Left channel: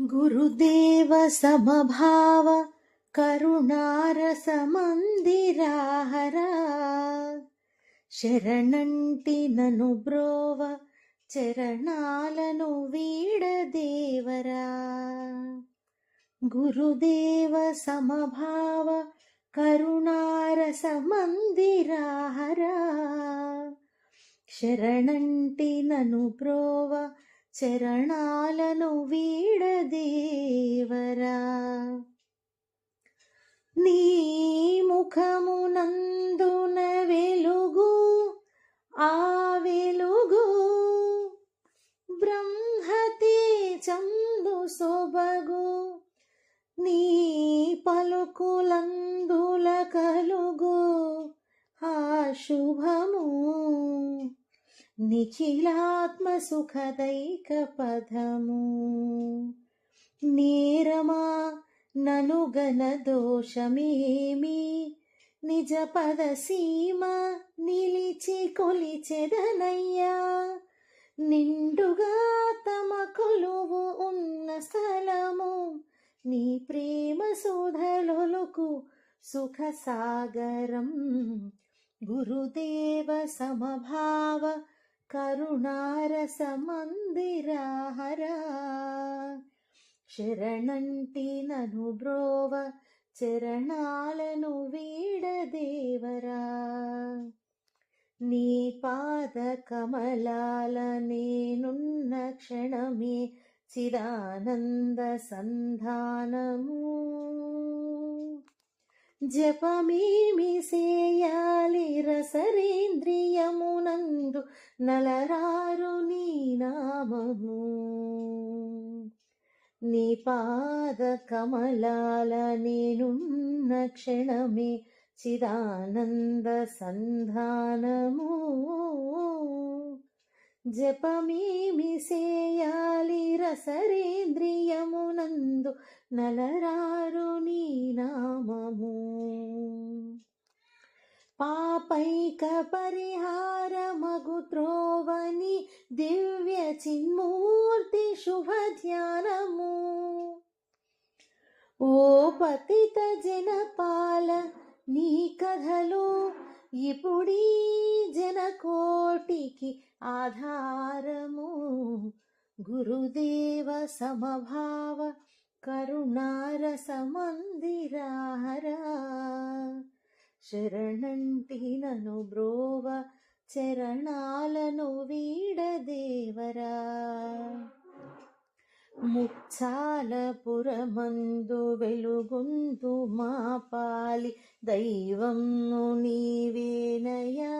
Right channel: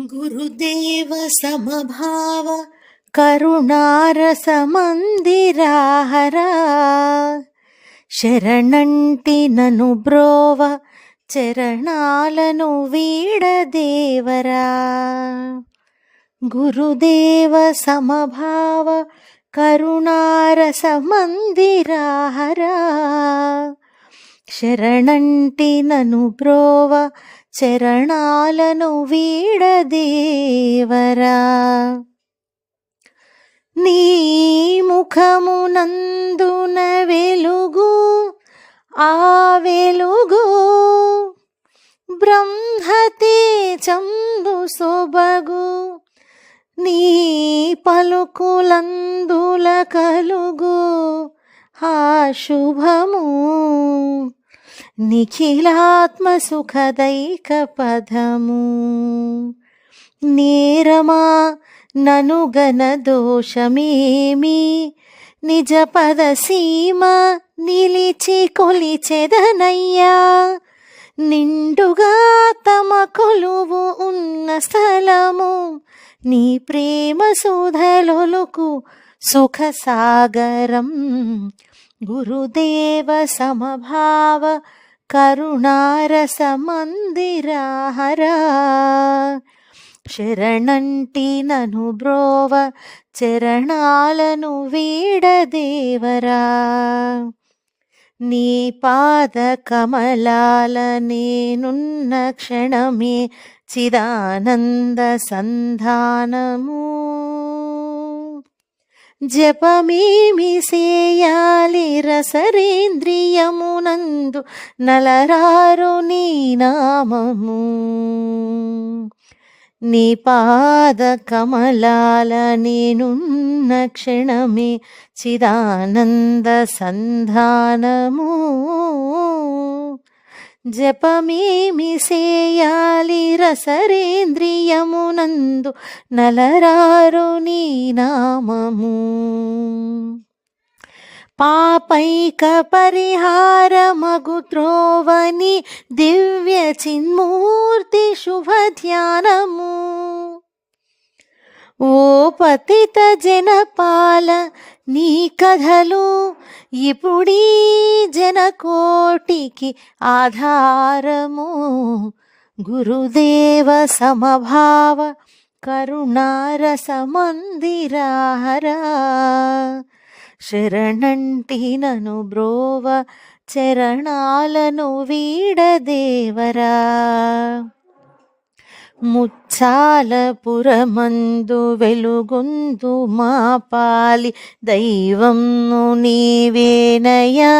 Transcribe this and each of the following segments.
గురుదేవ సమభావ కరుణారస మందిరాహరా శరణంటి నను బ్రోవ చరణాలను వీడదేవరా గురుదేవ సమభావ కరుణారస మందిరాహరా శరణంటి నను బ్రోవ చరణాలను వీడదేవరా నీ ముఖమునందున వెలుగు ఆ వెలుగు బ్రహ్మతే చందు సొబగు. నీ పలుకులందుల కలుగు ఆ శుభము నిఖిలాత్మసుఖదైక పదము నేరమా ననుగన దోషమేమి? నిజ పద సీమ నిలిచి కొలిచెదనయ్యా. నిండుగా తమ కొలువు ఉన్న స్థలము నీ ప్రేమ సుధలొలుకు సుఖ సాగరం గురుదేవ సమభావ కరుణారసమందిరాహరా. శరణంటి నను బ్రోవ చరణాలను వీడదేవరా నీ పాద కమలాల నేనున్న క్షణమే చిదానంద సంధానము. జపమేమి సేయాలి రసరేంద్రియమునందు నలరారు నీ నామము. నీ పాద కమలాల నేనున్న క్షణమే చిదానంద సంధానము. జపమేమి సేయాలి రసరేంద్రియమునందు నలరారు నీ నామము. పాపైక పరిహారమగు త్రోవని దివ్య చిన్మూర్తి శుభ ధ్యానము ఓ పతిత జనపాల నీ కథలు ఇప్పుడీ జనకోటికి ఆధారము. గురుదేవ సమభావ కరుణారస మందిరాహరా శరణంటి నను బ్రోవ చరణాలను వీడదేవరా ముచ్చాలపురమందు వెలుగొందు మా పాలి దైవం నీవేనయా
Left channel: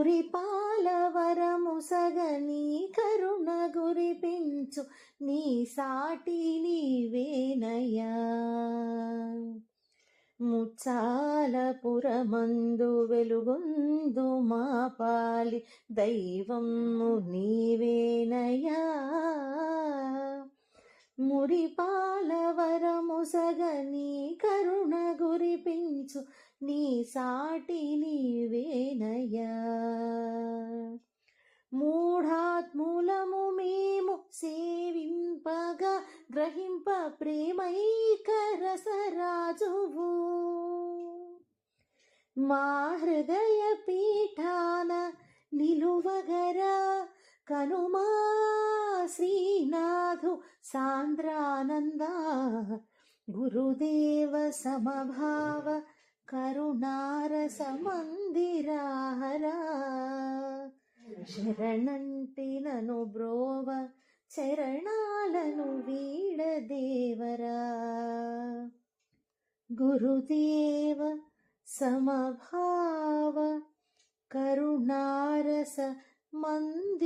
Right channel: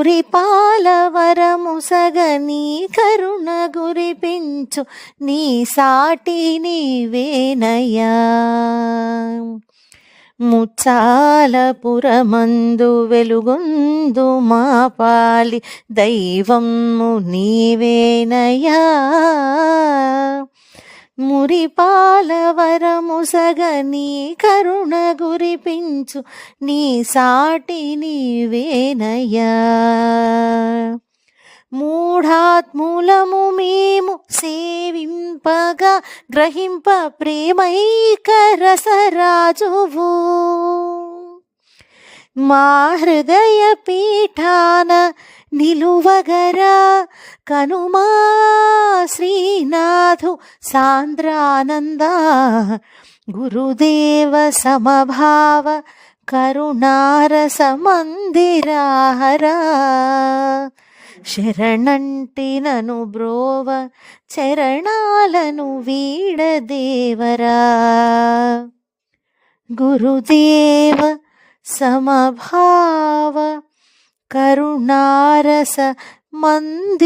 మురిపాల వరముసగని కరుణ గురిపించు నీ సాటి నీవేనయ్యా ముచ్చాలపురమందు వెలుగొందు మా పాలి దైవము నీవేనయ్యా మురిపాలవరము వరముసగని కరుణ గురిపించు నీ సాటి నీవేనయ్యా. మూఢాత్ములము మేము సేవింపగా గ్రహింప ప్రేమైక రసరాజువు మా హృదయ పీఠాన నిలువగరా కనుమా శ్రీనాథు సాంద్రానంద. గురుదేవ సమభావ కరుణారస మందిరాహరా శరణంటి నను బ్రోవ చరణాలను వీడదేవరా గురుదేవ సమభావ కరుణారస మందిరాహరా.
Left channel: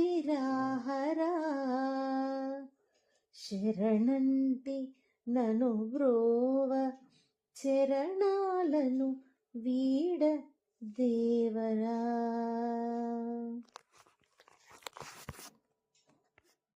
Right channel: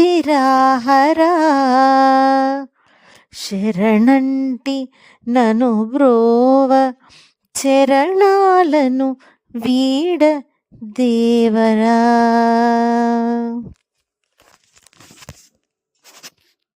శరణంటి నను బ్రోవ చరణాలను వీడ దేవరా.